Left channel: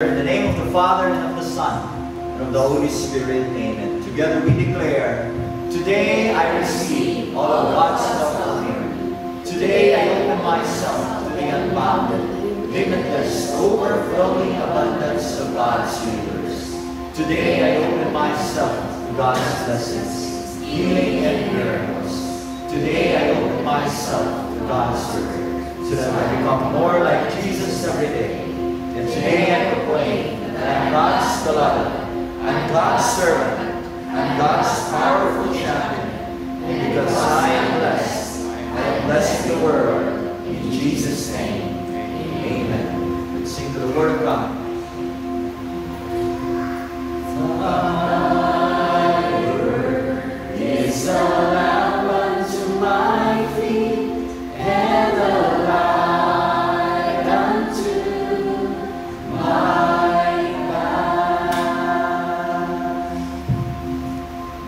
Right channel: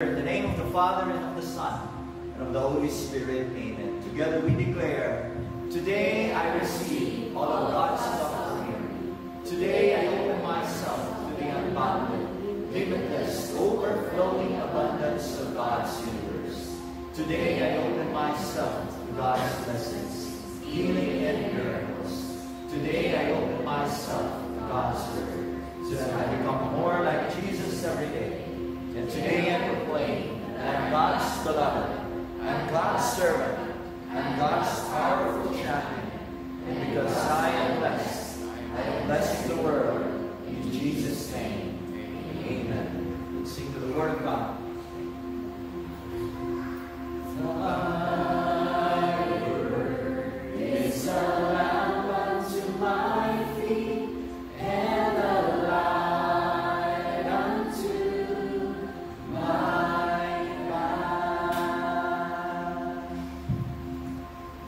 In the name of the Father, and of the Son, and of the Holy Spirit, amen. Together we declare, today I receive all of God's love for me. Today I open myself to the unbounded, limitless, overflowing abundance of God's universe. Today I open myself to God's blessings, healing and miracles. Today I open myself to God's word, so that I become more like Jesus every day. And today I proclaim that I am God's beloved, I'm God's servant, I'm God's powerful champion. And because I am blessing the world. In Jesus' name, amen. Let's sing to the Word of God. Thy word is a lamp unto my feet, and a light unto my path.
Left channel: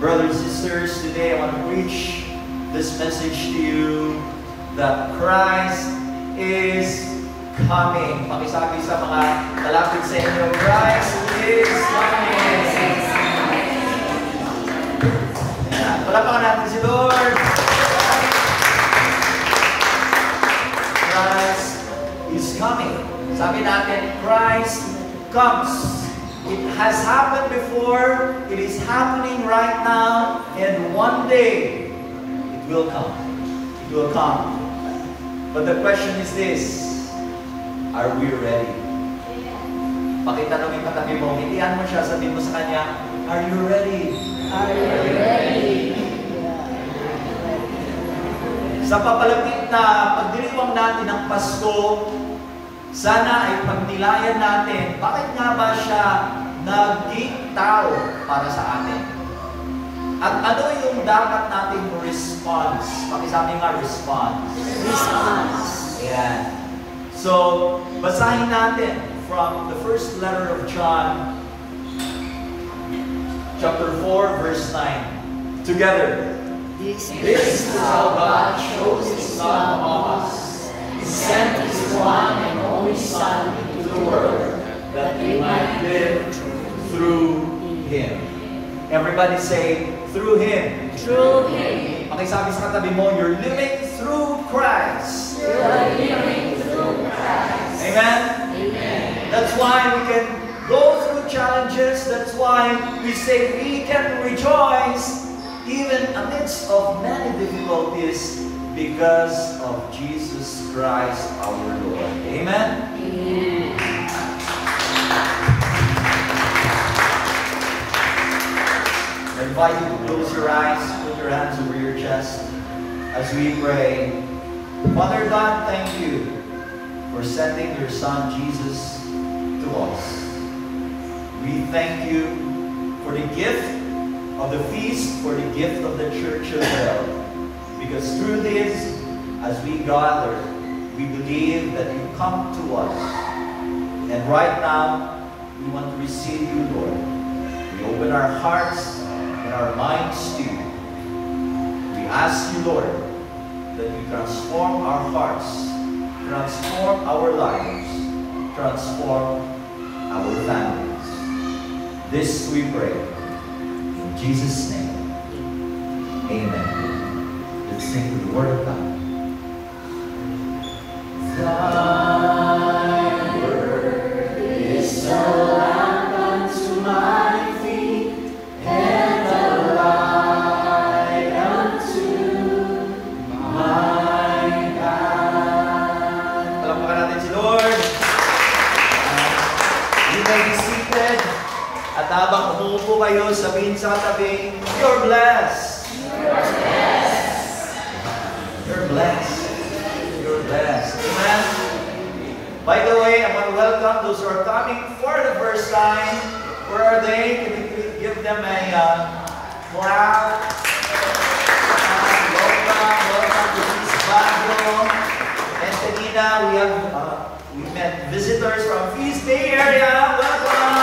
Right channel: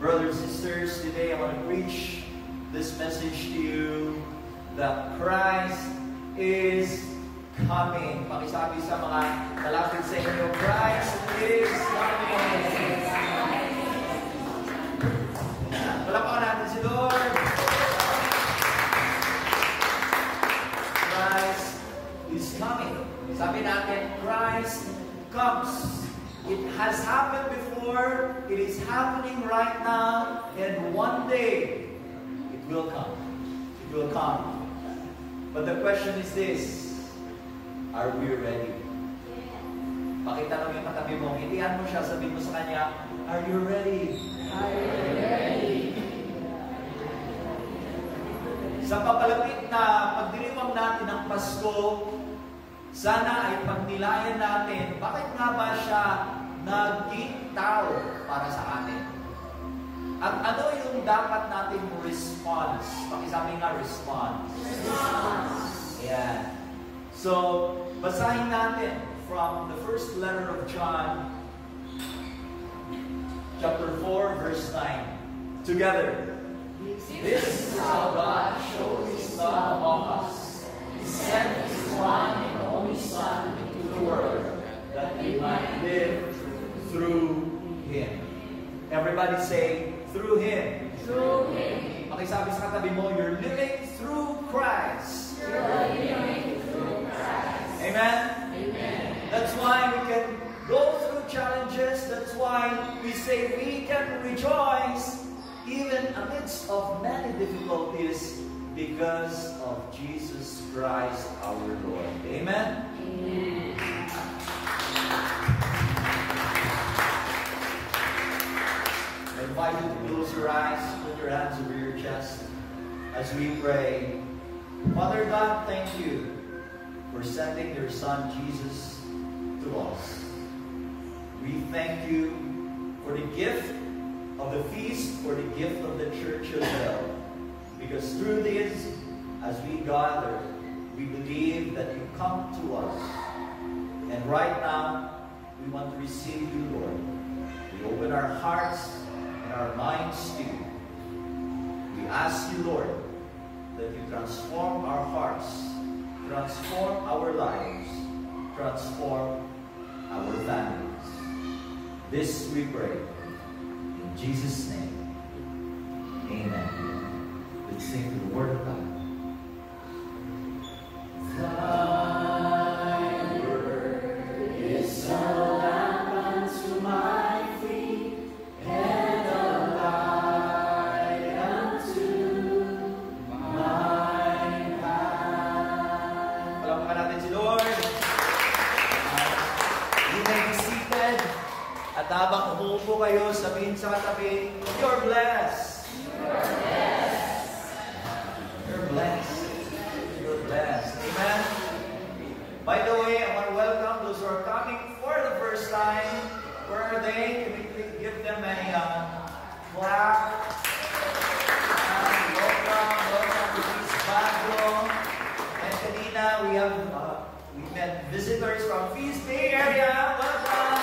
Brothers and sisters, today I want to preach this message to you that Christ is coming. Pakisabi sa mga kalapit sa inyo, Christ is coming. Palapakan natin si Lord. Christ is coming. Sabi natin, Christ comes. It has happened before, it is happening right now, and one day it will come. It will come. But the question is this, are we ready? Pakitanong yung katabi mo, hilihan mo siya, sabihin mo sa kanya, are you ready? Are you ready? Sa papalapit na pagdiriwang natin ng Pasko, sana ay pagnilayan natin, bakit nga ba siya naging tao para sa atin? At ano yung dapat nating response? Pakisabi nga, response. Response. Ayan. So, basahin natin from the first letter of John, chapter 4, verse 9. Together. This is how God shows His love among us. He sent His one and only Son into the world, that we might live through Him. Everybody say, through Him. Through Him. Pakisabi sa katabi mo, you're living through Christ. You're living through Christ. Amen? Amen. That's why we can go through challenges. That's why we say we can rejoice even amidst of many difficulties because of Jesus Christ our Lord. Amen? Amen. I invite you to close your eyes, put your hands over your chest as we pray. Father God, thank you for sending your Son Jesus to us. We thank you for the gift of the feast, for the gift of the Church of Hell. Because through this, as we gather, we believe that you come to us. And right now, we want to receive you, Lord. We open our hearts and our minds to you. We ask you, Lord, that you transform our hearts, transform our lives, transform our families. This we pray. In Jesus' name, amen. Let's sing to the Word of God. Thy word is a lamp unto my feet, and a light unto my path. Palampakan natin si Lord. You may be seated. At habang umuupo kayo, sabihin sa katabi, you're blessed. You're blessed. You're blessed. You're blessed. Amen? By the way, I want to welcome those who are coming for the first time. Where are they? Can you give them a clap? Welcome to East Baguio. Antonina, we met visitors from Feast Bay area. Welcome!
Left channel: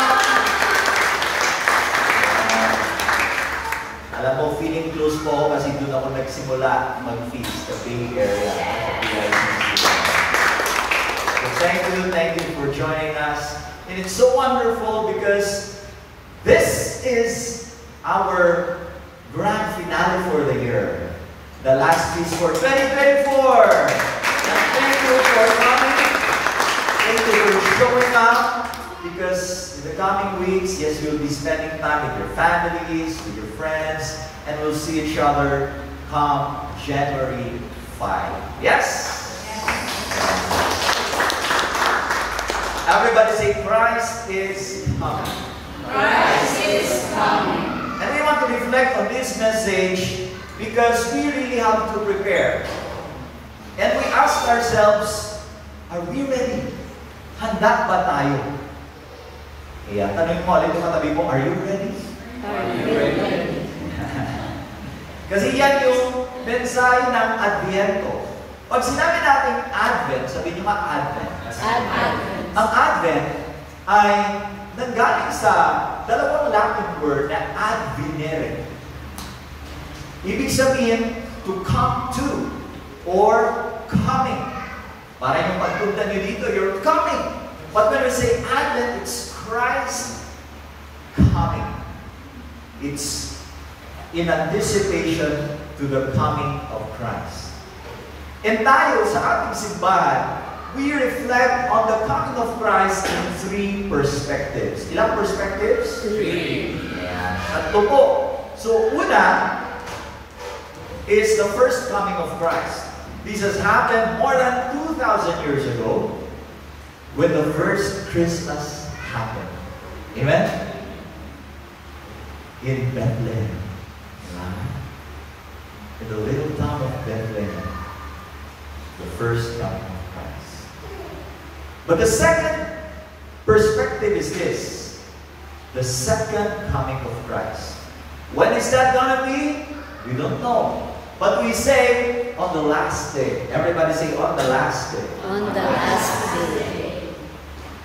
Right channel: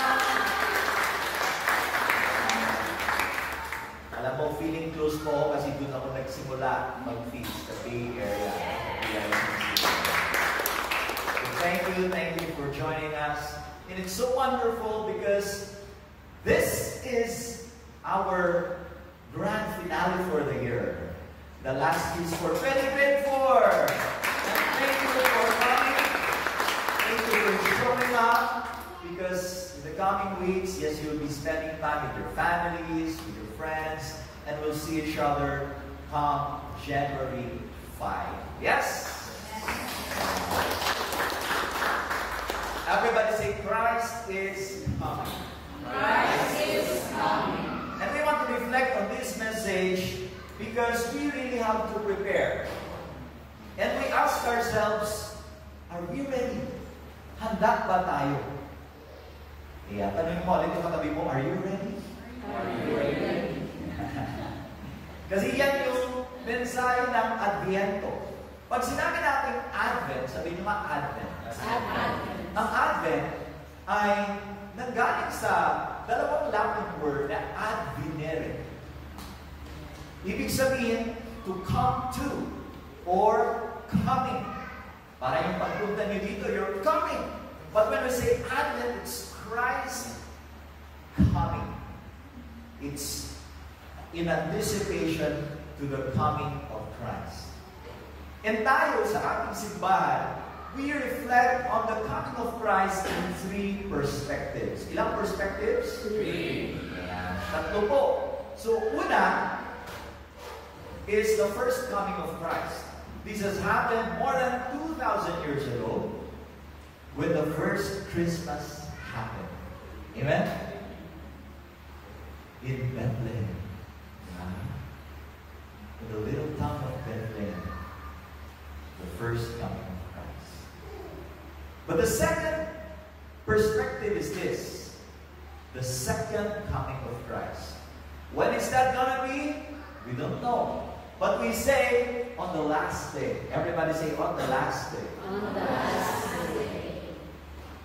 Alam mo, feeling close po ako kasi doon ako nagsimula mag-feast sa Bay area. So thank you for joining us. In And it's so wonderful because this is our grand finale for the year. The last feast for 2024. And thank you for coming. Thank you for showing up. Because in the coming weeks, yes, you'll be spending time with your families, with your friends, and we'll see each other come January 5. Yes? Everybody say, Christ is coming. Christ is coming. And we want to reflect on this message because we really have to prepare. And we ask ourselves, are we ready? Handa ba tayo? Kaya tanongin mo, alin yung katabi mo, are you ready? Are you ready? Kasi yan yung mensahe ng Adviento. Pag sinabi natin Advent, sabihin nyo Advent. Advent. Ang Advent ay nanggaling sa dalawang Latin word na advenere. Ibig sabihin, to come to, or coming. Para yung pagpunta nyo dito, you're coming. But when we say Advent, it's Christ coming. It's in anticipation to the coming of Christ. And tayo sa ating simbahan, we reflect on the coming of Christ in 3 perspectives. Ilang perspectives? 3. Tatlo po. So, una is the first coming of Christ. This has happened more than 2,000 years ago when the first Christmas happened. Amen? In Bethlehem. In the little town of Bethlehem. The first coming of Christ. But the second perspective is this. The second coming of Christ. When is that gonna be? We don't know. But we say, on the last day. Everybody say, on the last day. On the last day.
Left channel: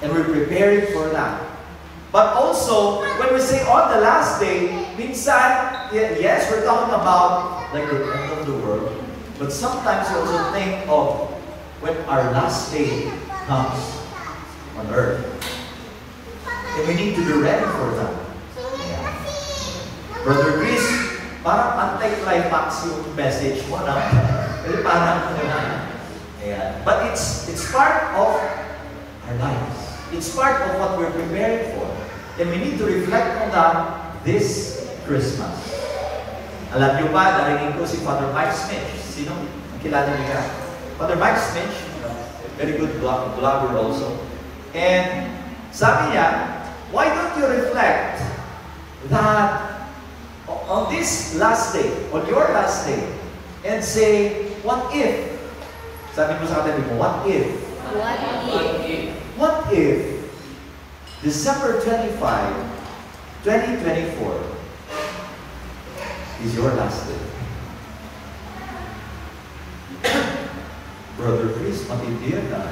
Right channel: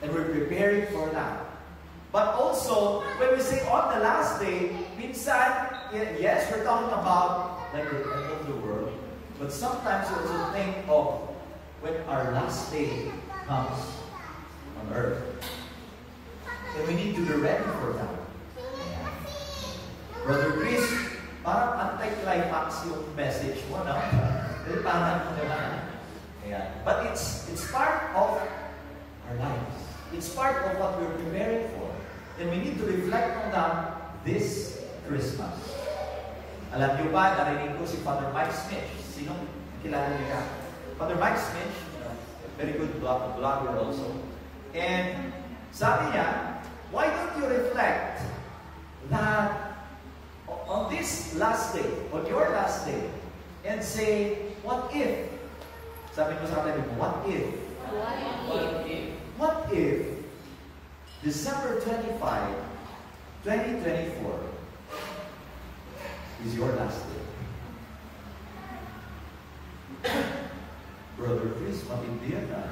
And we're preparing for that. But also, when we say on the last day, minsan, yes, we're talking about like the end of the world. But sometimes we also think of when our last day comes on earth. And we need to be ready for that. Brother Chris, parang anti-climax yung message mo, no? Parang, but it's part of our lives. It's part of what we're preparing for. And we need to reflect on that this Christmas. Alam niyo ba, narinig ko si Father Mike Smith. Sino? Ang kilala niya? Father Mike Smith, very good blogger also. And sabi niya, why don't you reflect that on this last day, on your last day, and say, what if? Sabi mo sa katabi mo, what if? What if December 25, 2024 is your last day? Brother Chris, matindi yan na.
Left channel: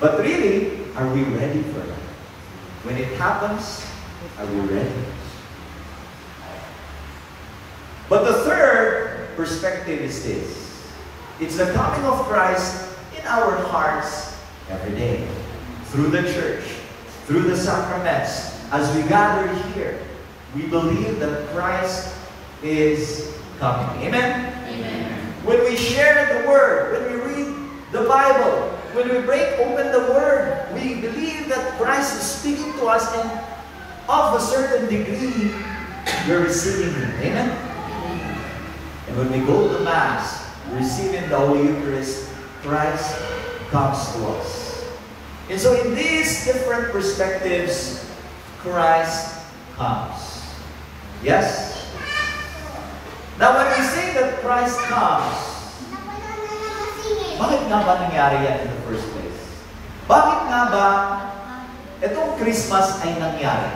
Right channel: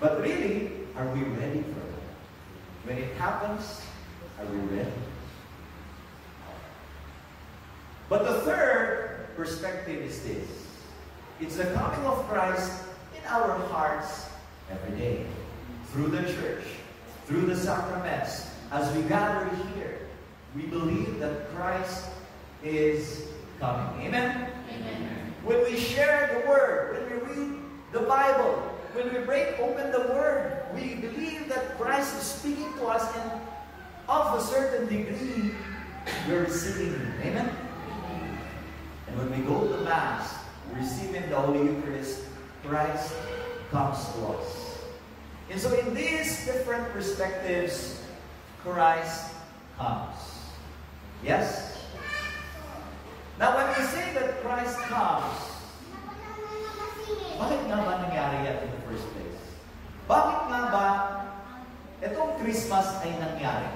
But really, are we ready for that? When it happens, are we ready? But the third perspective is this. It's the coming of Christ in our hearts every day. Through the church, through the sacraments, as we gather here, we believe that Christ is coming. Amen? Amen. When we share the Word, when we read the Bible, when we break open the Word, we believe that Christ is speaking to us, and of a certain degree, we're receiving Him. Amen? And when we go to Mass, receiving the Holy Eucharist, Christ comes to us. And so in these different perspectives, Christ comes. Yes? Now when we say that Christ comes, bakit nga ba nangyari yan in the first place? Bakit nga ba itong Christmas ay nangyari?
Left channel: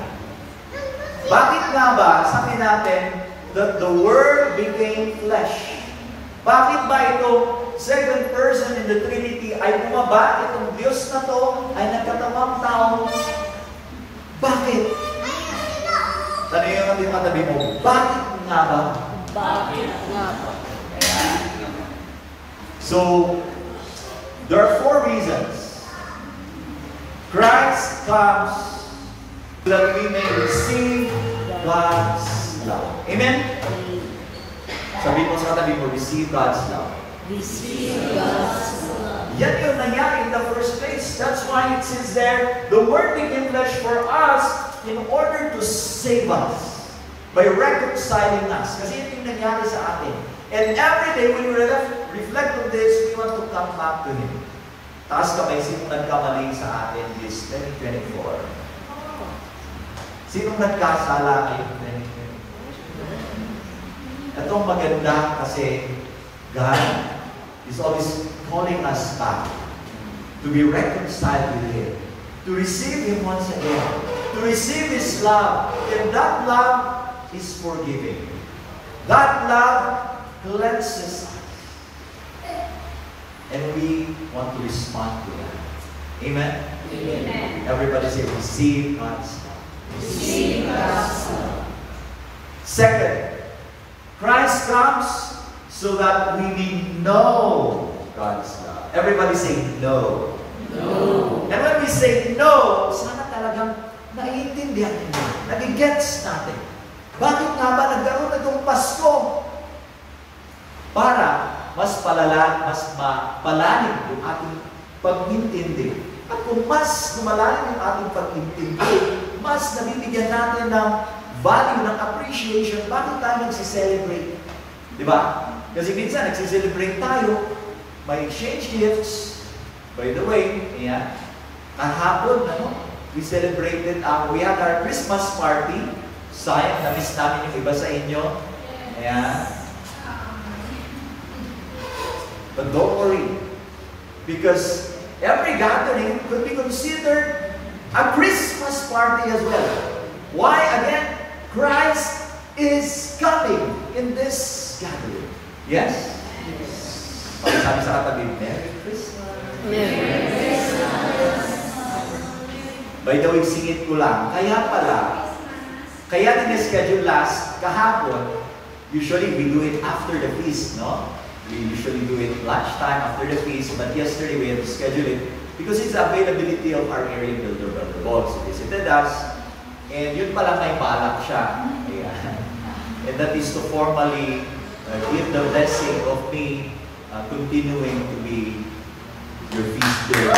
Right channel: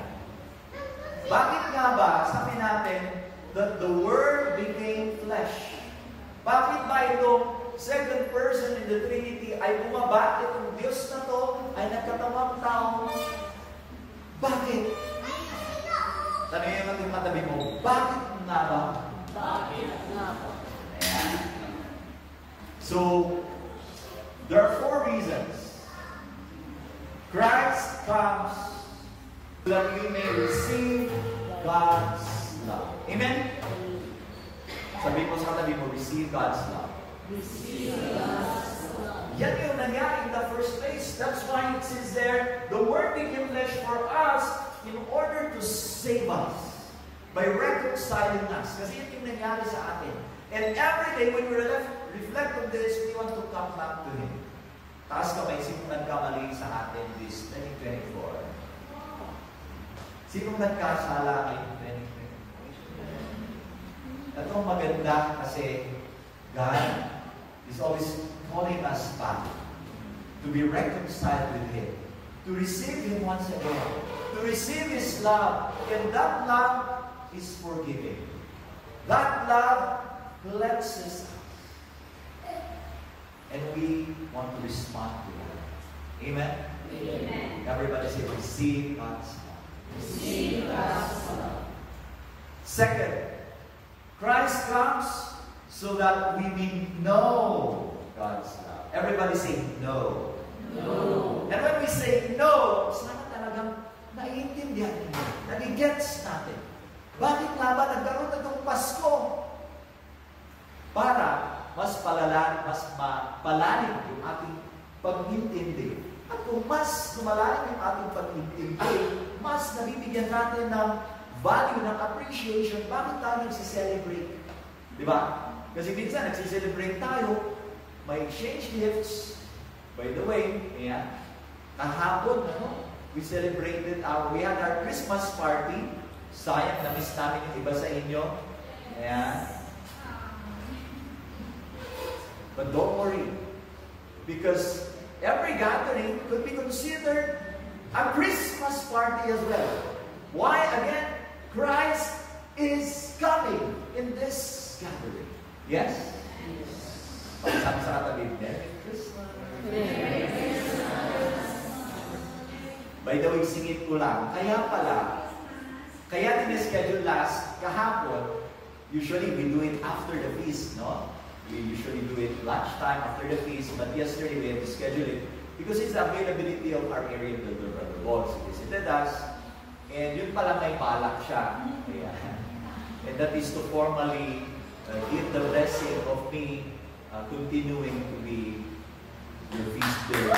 Bakit nga ba sabi natin that the Word became flesh? Bakit ba itong second person in the Trinity ay bumaba? Itong Diyos na to ay nagkatawang tao. Bakit? Sabi yung katabi mo, bakit nga ba? Bakit nga ba? So, there are 4 reasons Christ comes so that we may receive God's love. Amen? Sabi mo sa katabi mo, receive God's love. Receive God's love. Yan yung nangyari in the first place. That's why it says there, the Word became flesh for us in order to save us by reconciling us. Kasi yun yung nangyari sa atin. And every day when we reflect on this, we want to come back to Him. Taas kamay, sinong nagkamali sa atin this 2024? Sinong nagkasala in 2024? Itong maganda kasi God is always calling us back to be reconciled with Him, to receive Him once again, to receive His love. And that love is forgiving. That love cleanses us. And we want to respond to that. Amen? Amen. Everybody say, receive God's love. Receive God's love. Second, Christ comes so that we may know God's love. Everybody say, no. No. And when we say no, sana talagang naiintindihan ninyo. Nagigets natin. Bakit nga ba nagkaroon na itong Pasko? Para mas palala, mas mapalalim yung ating pag-intindi. At kung mas lumalalim yung ating pag-intindi, mas nabibigyan natin ng value, ng appreciation, bakit tayo nagsiselebrate? Di ba? Kasi minsan nagsiselebrate tayo, may exchange gifts. By the way, ayan, kahapon, we celebrated, we had our Christmas party. Sayang, na-miss namin yung iba sa inyo. Ayan. But don't worry, because every gathering could be considered a Christmas party as well. Why? Again, Christ is coming in this gathering. Yes? Pag-sabi sa katabi, Merry Christmas. Merry Christmas. By the way, singit ko lang. Kaya din-schedule last kahapon, usually we do it after the feast, no? We usually do it lunchtime after the feast, but yesterday we had to schedule it because it's the availability of our area builder, Brother Bob. So visited us, and yun pala may balak siya. Ayan. And that is to formally give the blessing of me continuing to be your feast builder.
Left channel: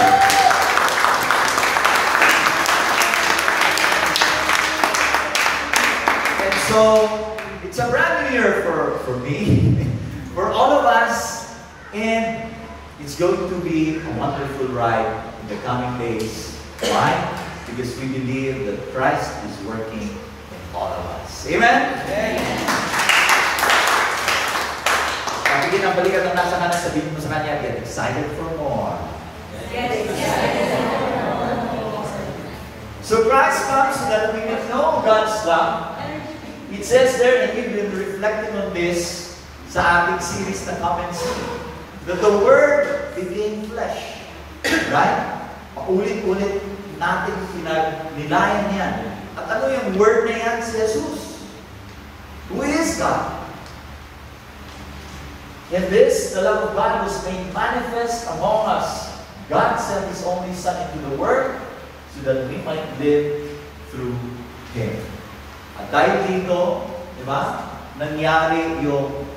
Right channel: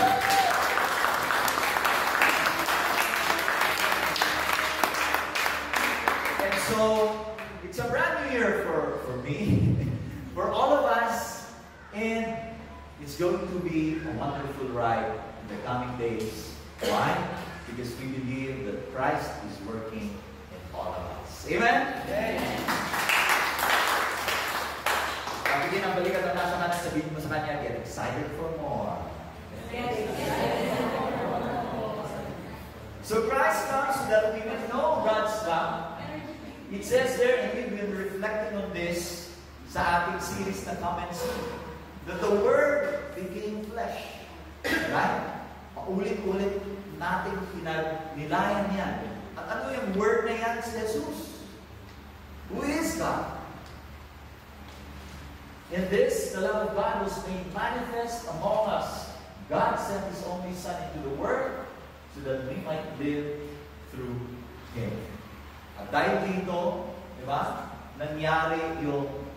And so, it's a brand new year for me. For all of us, and it's going to be a wonderful ride in the coming days. Why? Because we believe that Christ is working in all of us. Amen? Amen. Pagiging ang balikat ng nasa kanan, sabihin mo sa kanya, get excited for more. Get excited for more. So Christ comes so that we can know God's love. It says there, and we've been reflecting on this, sa ating series na Come and See, that the Word became flesh. Right? Paulit-ulit natin nilayan yan. At ano yung Word na yan? Si Jesus. Who is God? In this, the love of God was made manifest among us. God sent His only Son into the world so that we might live through Him. At dahil dito, di ba, nangyari yung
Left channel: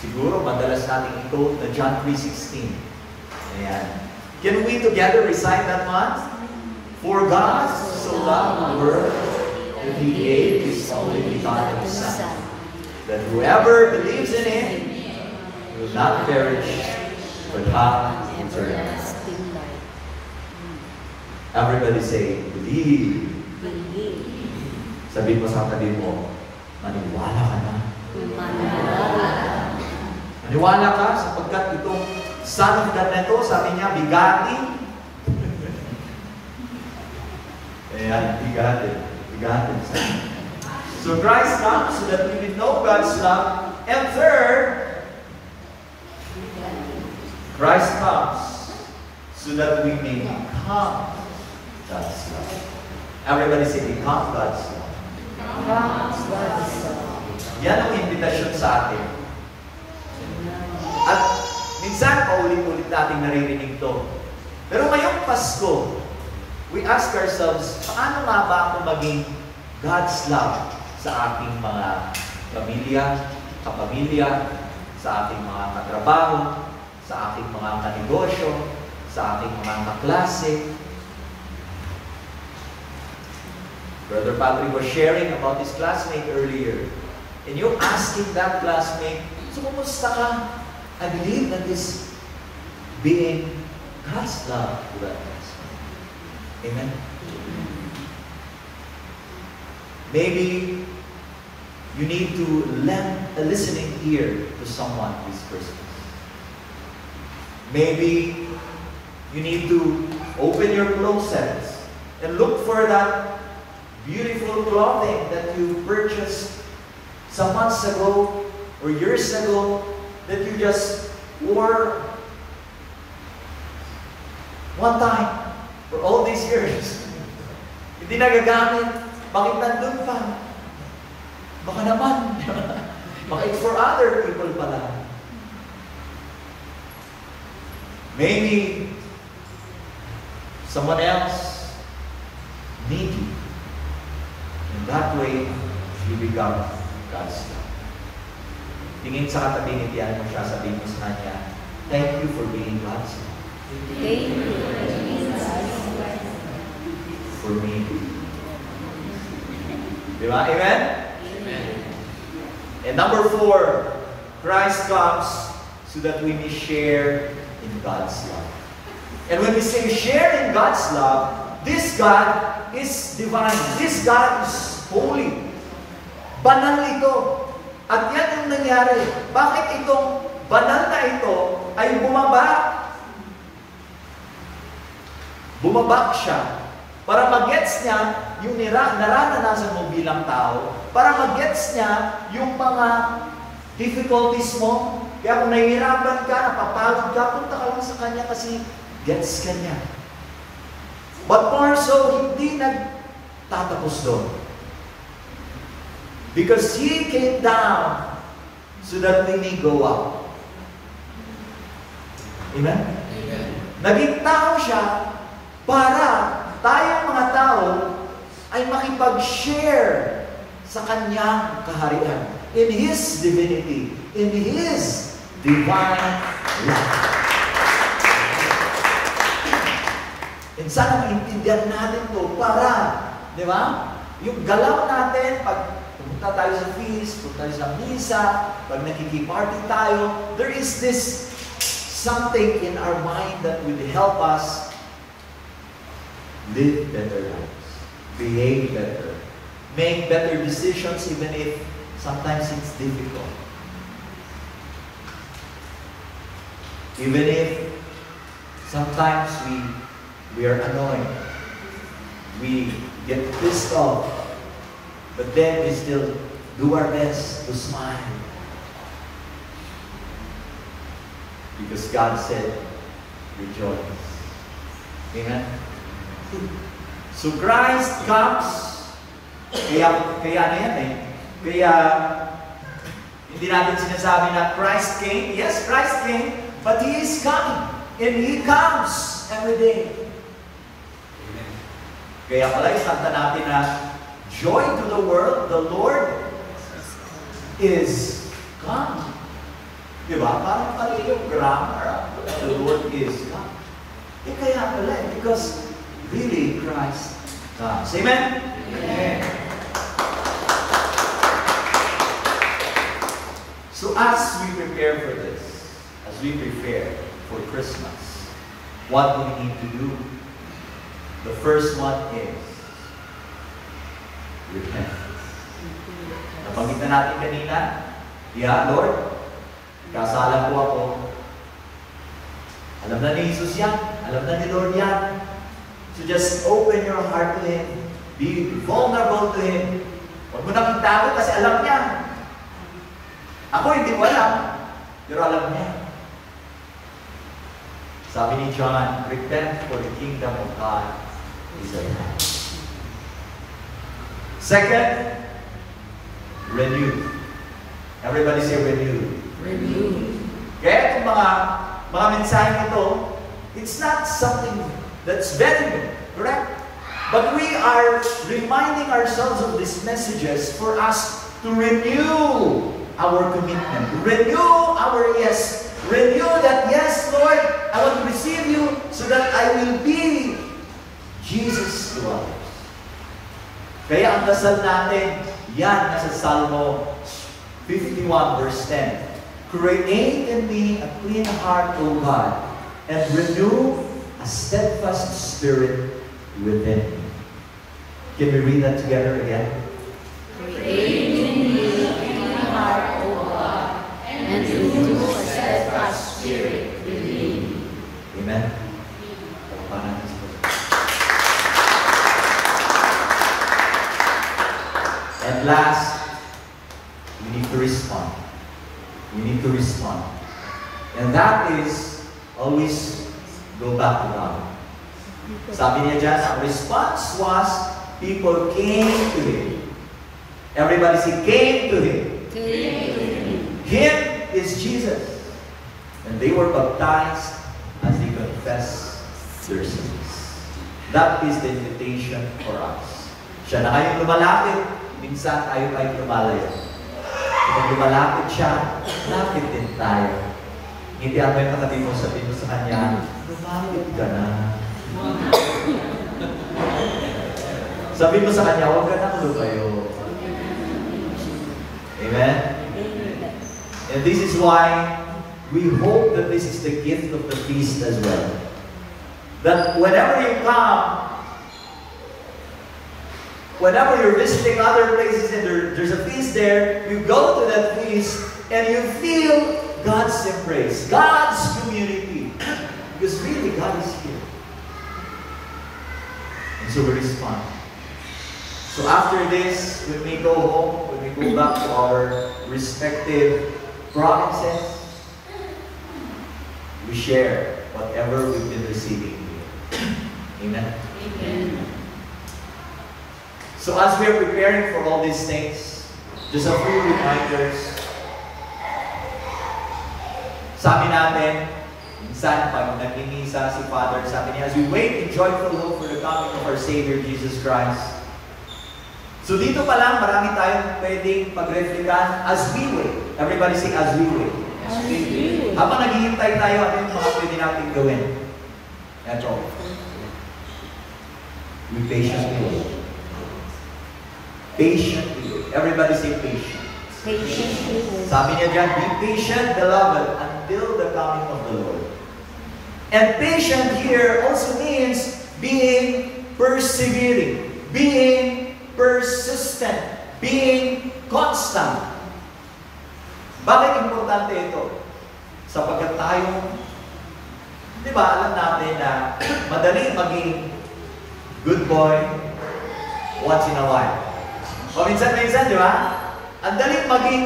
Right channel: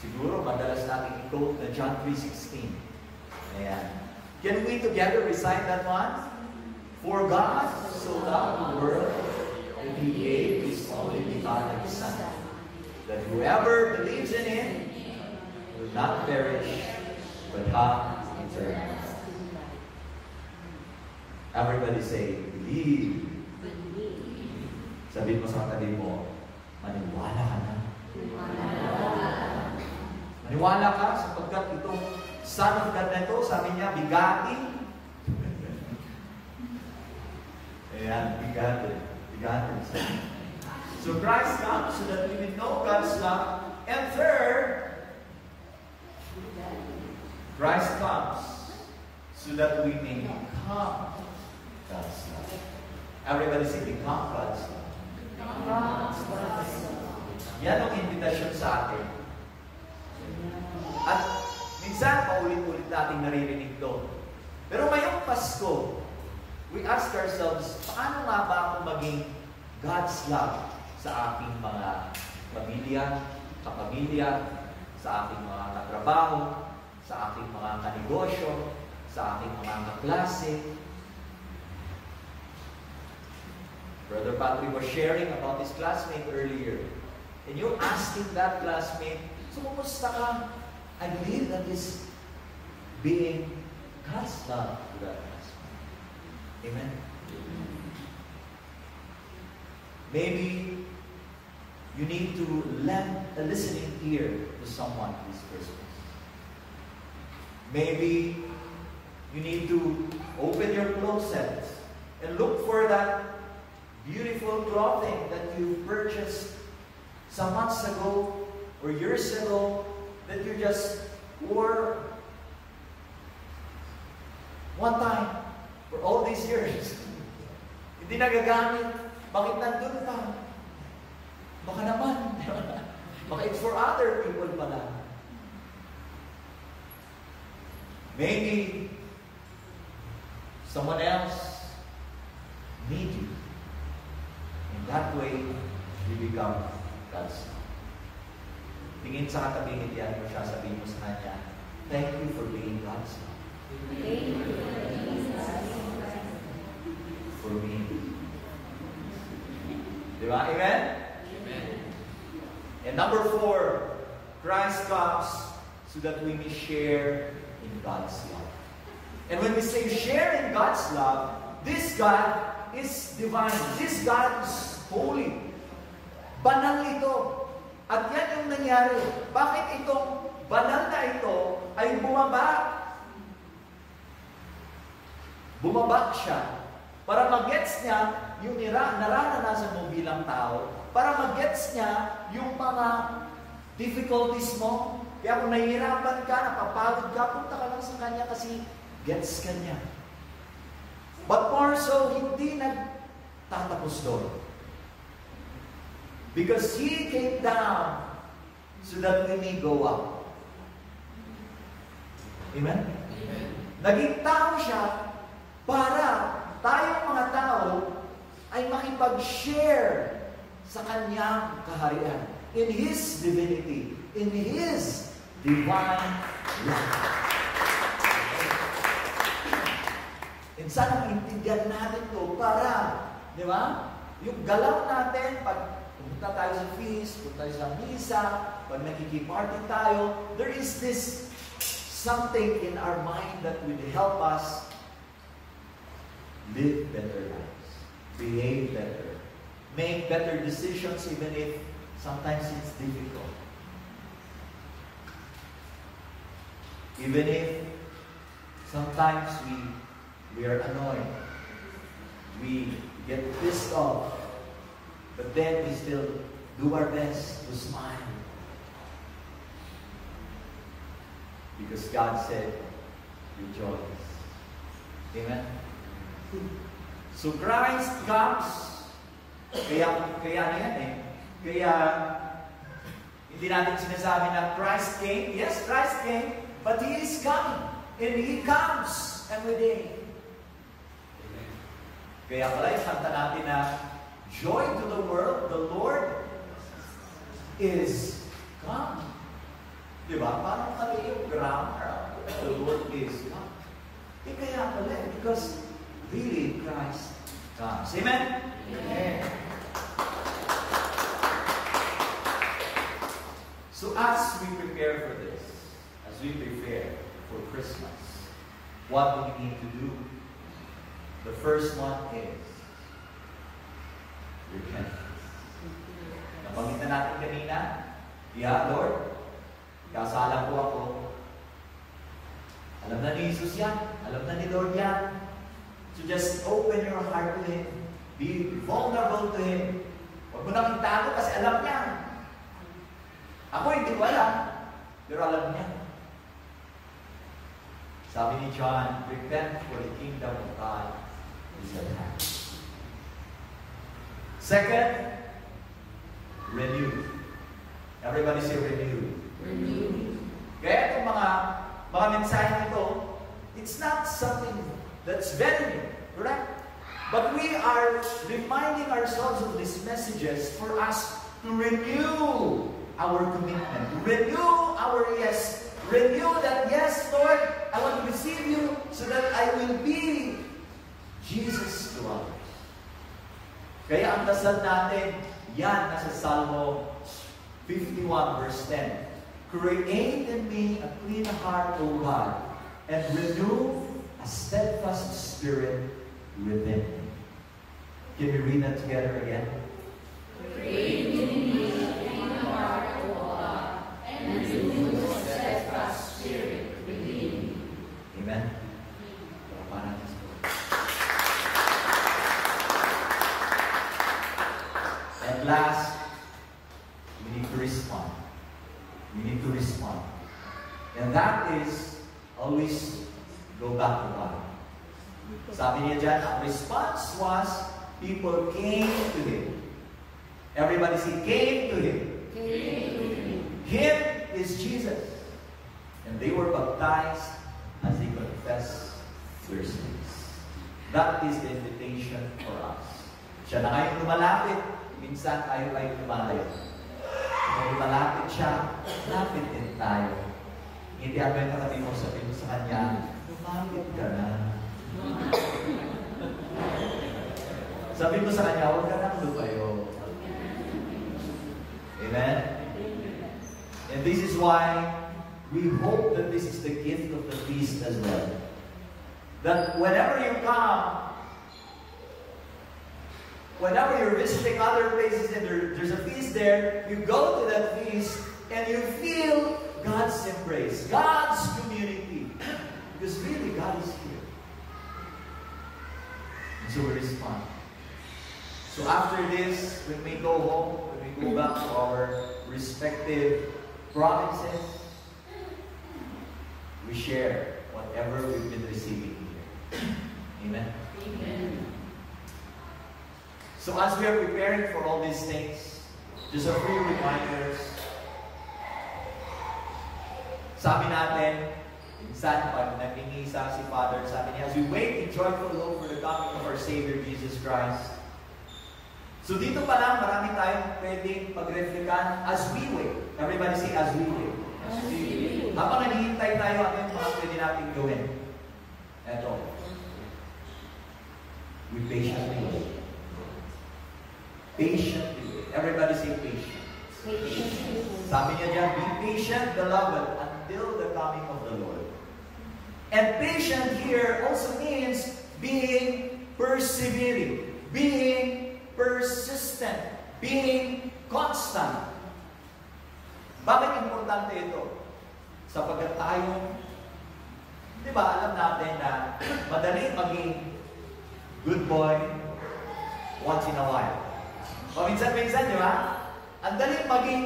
siguro, madalas nating i-quote na John 3:16. Ayan. Can we together recite that one? For God so loved the world that He gave His only begotten Son, that whoever believes in Him will not perish, but have eternal life. Everybody say, believe. Sabihin mo sa katabi mo, maniwala ka na. Maniwala ka sapagkat itong Son of God na ito, sabi niya, bigati. Ayan, bigati. Bigati. So Christ comes so that we will know God's love. And third, Christ comes so that we may become God's love. Everybody say, become God's love. Yan ang invitasyon sa atin. At minsan, paulit-ulit nating naririnig to. Pero ngayong Pasko, we ask ourselves, paano nga ba ako maging God's love sa aking mga pamilya, kapamilya, sa aking mga katrabaho, sa aking mga kanegosyo, sa aking mga kaklase. Brother Patrick was sharing about his classmate earlier. And you're asking that classmate, so kumusta ka? I believe that is being God's love to that classmate. Amen? Maybe you need to lend a listening ear to someone this Christmas. Maybe you need to open your closets and look for that beautiful clothing that you purchased some months ago or years ago that you just wore one time for all these years. Hindi nagagamit. Bakit nandun pa? Baka naman. Baka it's for other people pala. Maybe someone else needs you. In that way, you become God's love. Tingin sa katabi ni Tiyan mo siya, sabihin mo sa kanya, thank you for being God's love. Thank you for being God's love. For me. Di ba? Amen? Amen. And number 4, Christ comes so that we may share in God's love. And when we say share in God's love, this God is divine. This God is holy. Banal ito. At yan yung nangyari. Bakit itong banal na ito ay bumaba? Bumaba siya para mag-gets niya yung naranasan mo bilang tao, para mag-gets niya yung mga difficulties mo. Kaya kung nahihirapan ka, napapagod ka, punta ka lang sa Kanya kasi gets ka niya. But more so, hindi nagtatapos doon. Because He came down so that we may go up. Amen? Amen. Naging tao siya para tayong mga tao ay makipag-share sa Kanyang kaharian. In His divinity, in His divine love. And sana maintindihan natin to para, di ba? Yung galaw natin, pag pumunta tayo sa feast, pumunta tayo sa misa, pag nakikiparty tayo, there is this something in our mind that will help us live better lives, behave better, make better decisions even if sometimes it's difficult. Even if sometimes we are annoyed, we get pissed off, but then we still do our best to smile. Because God said, rejoice. Amen? So Christ comes, kaya na yan eh. Kaya, hindi natin sinasabi na Christ came. Yes, Christ came, but He is coming. And He comes every day. Amen. Kaya pala, isanta natin na, joy to the world, the Lord is come. Diba? Parang pala yung grammar, the Lord is come. Eh kaya pala, because really Christ comes. Amen? Amen. So as we prepare for this, as we prepare for Christmas, what do we need to do? The first one is repentance. Nabanggit na natin kanina, yeah, Lord, kasala po ako. Alam na ni Jesus yan. Alam na ni Lord yan. So just open your heart to Him. Be vulnerable to Him. Huwag mo nang itago kasi alam niya. Ako hindi ko alam, pero alam niya. Sabi ni John, repent for the kingdom of God is at hand. Second, renew. Everybody say renew. Renew. Kaya itong mga mensahe nito, it's not something that's very new, correct? But we are reminding ourselves of these messages for us to renew our commitment, renew our yes, renew that, yes, Lord, I want to receive you so that I will be Jesus to others. Kaya ang dasal natin, yan nasa Salmo 51 verse 10. Create in me a clean heart, O God, and renew a steadfast spirit within me. Can we read that together again? Create in me a clean heart, O God, and renew a steadfast spirit within me. Amen? And last, we need to respond. We need to respond. And that is always go back to God. Sabi niya dyan, ang response was, people came to Him. Everybody say, came to Him. Him is Jesus. And they were baptized as they confessed their sins. That is the invitation for us. Siya na ngayong lumalapit, minsan tayo ay lumalayo. Kung lumalapit siya, lapit din tayo. Hindi mo yung katabi mo, sabihin mo sa kanya, lumapit ka na. Sabihin mo sa kanya, huwag ka nang lumayo. Amen? And this is why we hope that this is the gift of the feast as well. That whenever you come, whenever you're visiting other places and there's a feast there, you go to that feast and you feel God's embrace, God's community. Because really, God is here. And so we respond. So after this, when we go home, when we go back to our respective provinces, we share whatever we've been receiving here. Amen? Amen. So as we're preparing for all these things, just a few reminders. Sabi natin, minsan pag nagmimisa si Father, sabi niya, as we wait in joyful hope for the coming of our Savior, Jesus Christ. So dito pa lang, marami tayong pwedeng pag-reflekan as we wait. Everybody say, as we wait. As we wait. Habang naghihintay tayo, ano yung mga pwede natin gawin? Eto. We patiently wait. Patiently wait. Everybody say patient. Patiently wait. Sabi niya dyan, be patient, beloved, until the coming of the Lord. And patient here also means being persevering, being persistent, being constant. Bakit importante ito? Sapagkat tayo, di ba, alam natin na madali maging good boy once in a while. Paminsan-minsan, di ba? Ang daling maging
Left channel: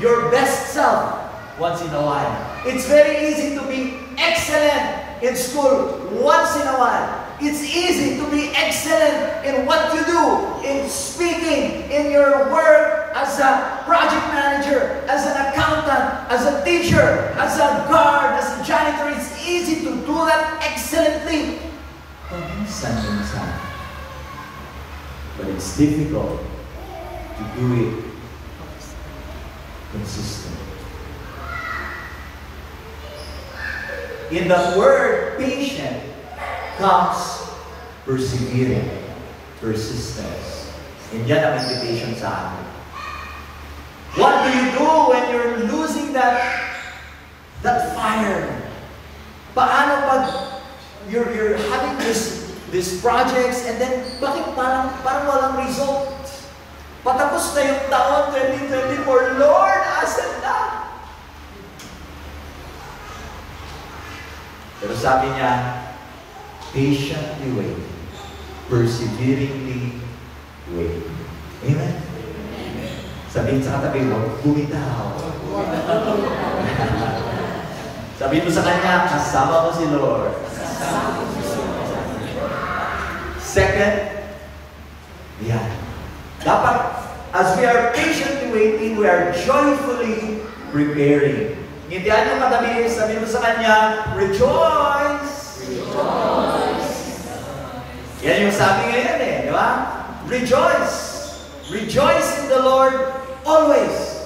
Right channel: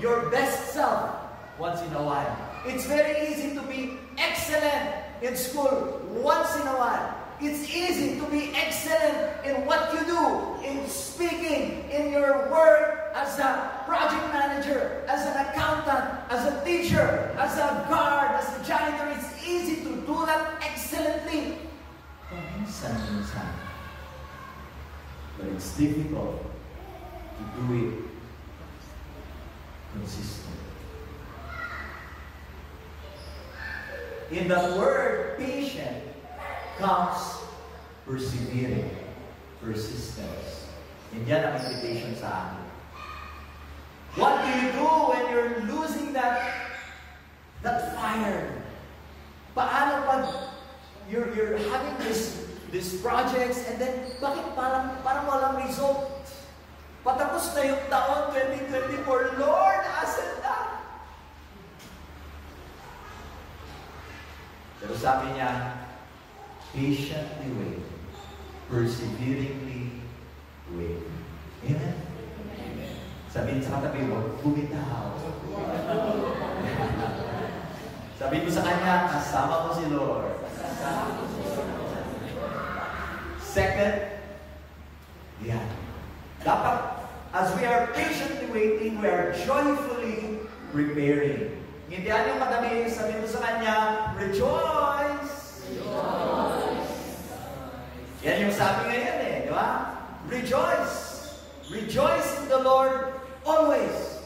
your best self once in a while. It's very easy to be excellent in school once in a while. It's easy to be excellent in what you do, in speaking, in your work as a project manager, as an accountant, as a teacher, as a guard, as a janitor. It's easy to do that excellently. Paminsan-minsan. But it's difficult to do it consistently. In the word patient comes persevering, persistence. And yan ang invitation sa atin. What do you do when you're losing that fire? Paano pag you're having these projects and then bakit parang walang result? Patapos na yung taon 2024, Lord, asan na? Pero sabi niya, patiently wait, perseveringly wait. Amen? Amen. Sabihin sa katabi mo, bumitaw. Sabihin mo sa kanya, kasama mo si Lord. Second, yan. Dapat, as we are patiently waiting, we are joyfully preparing. Ngintian yung katabi, sabihin mo sa kanya, rejoice! Rejoice! Yan yung sabi ngayon eh, di ba? Rejoice! Rejoice in the Lord always.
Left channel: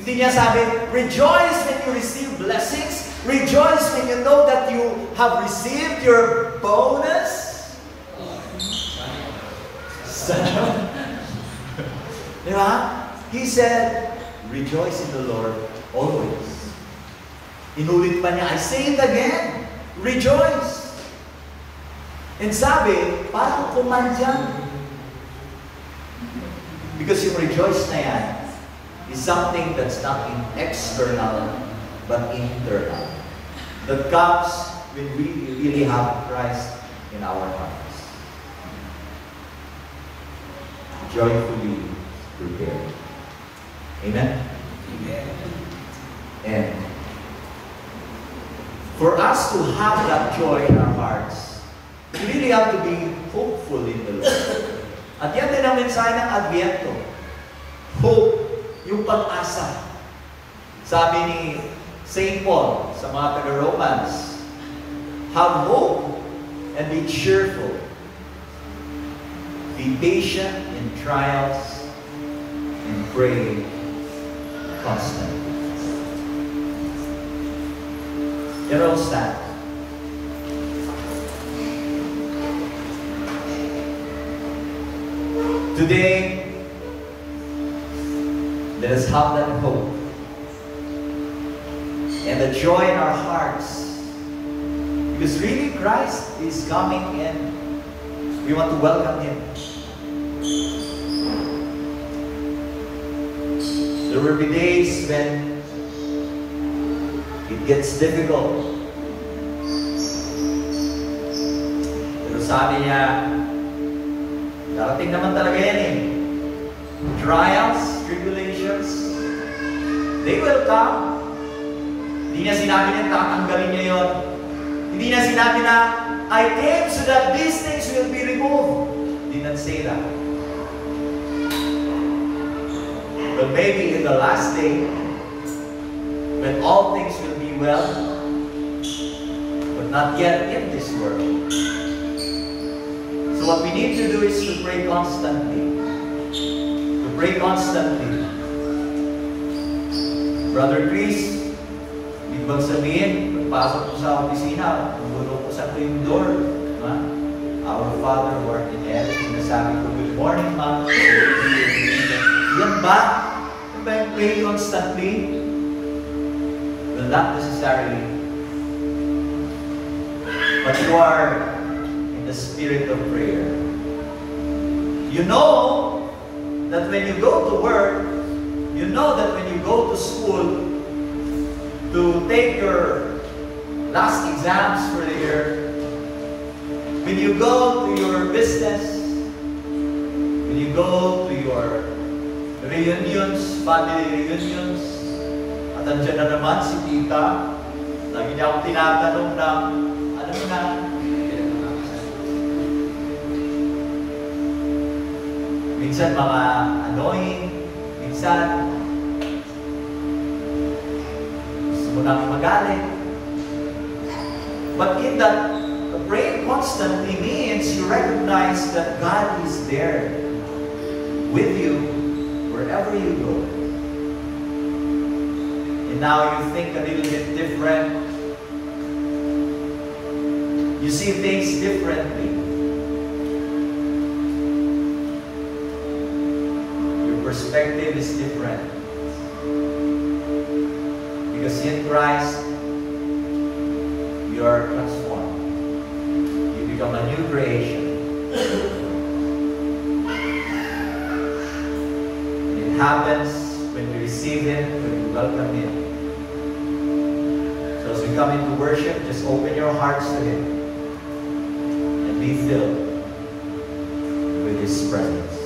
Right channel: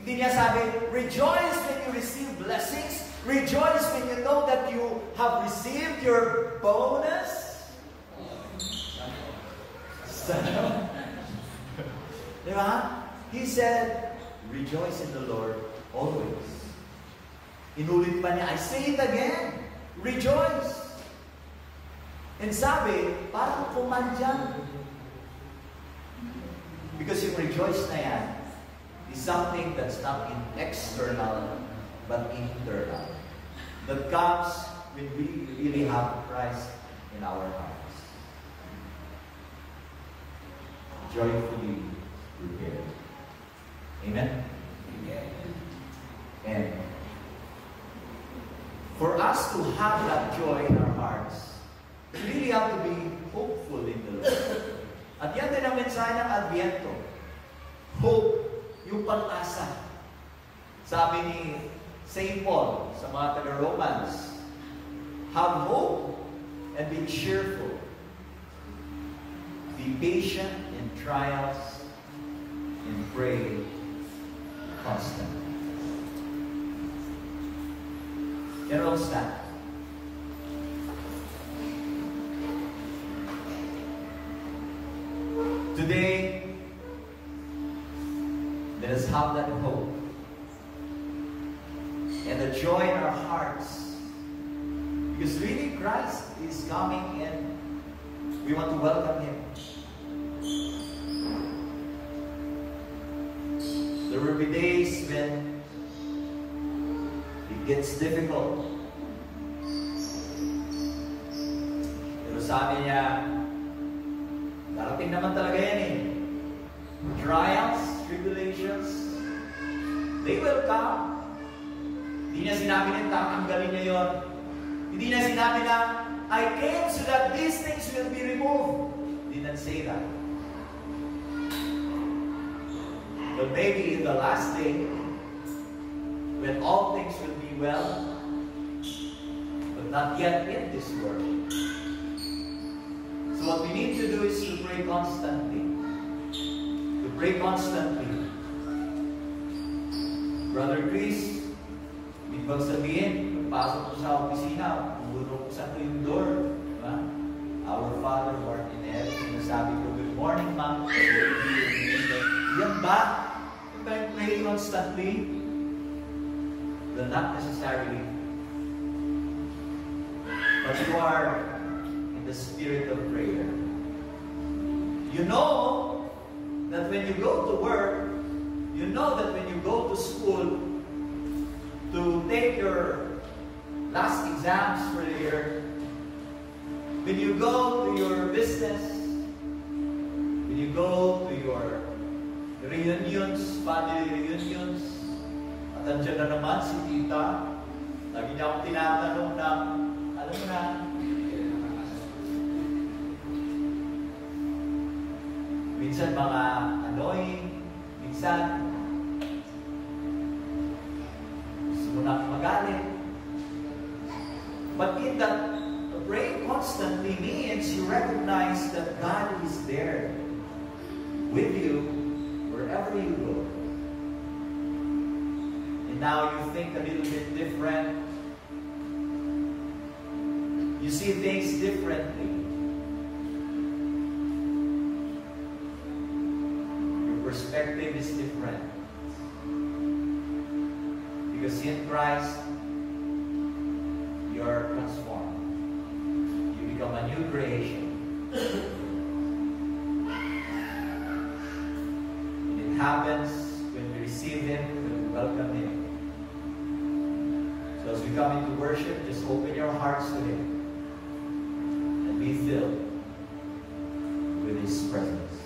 Hindi niya sabi, rejoice when you receive blessings. Rejoice when you know that you have received your bonus. Di ba? He said, rejoice in the Lord always. Inulit pa niya, I say it again, rejoice. And sabi, parang kumandyan. Because yung rejoice na yan is something that's not external, but internal. That comes when we really have Christ in our hearts. Joyfully prepared. Amen? Amen. And for us to have that joy in our hearts, we really have to be hopeful in the Lord. At yan din ang mensahe ng Adviento. Hope, yung pag-asa. Sabi ni St. Paul sa mga taga-Romans, have hope and be cheerful. Be patient in trials and pray constantly. You're all stand. Today, let us have that hope and the joy in our hearts, because really Christ is coming and we want to welcome Him. There will be days when it gets difficult. Pero sabi niya, darating naman talaga yan eh. Trials, tribulations, they will come. Hindi na sinabi niya tatanggalin niya yun. Hindi na sinabi na, I came so that these things will be removed. Did not say that. But maybe in the last day, when all things will be well, but not yet in this world. So what we need to do is to pray constantly. To pray constantly. Brother Chris, ibig bang sabihin, pagpasok ko sa opisina, pagbulo ko sa yung door, diba? Our Father who art in heaven, sinasabi ko, good morning, Mama. Yan ba? Yan ba yung pray constantly? Well, not necessarily. But you are in the spirit of prayer. You know that when you go to work, you know that when you go to school to take your last exams for the year, when you go to your business, when you go to your reunions, family reunions, at andyan na naman si tita, lagi niya akong tinatanong na, alam mo na, minsan mga annoying, minsan gusto mo nang magalit. But in that, praying constantly means you recognize that God is there with you wherever you go. And now you think a little bit different. You see things differently. Perspective is different. Because in Christ, you are transformed. You become a new creation. And it happens when we receive Him, when we welcome Him. So as we come into worship, just open your hearts to Him and be filled with His presence.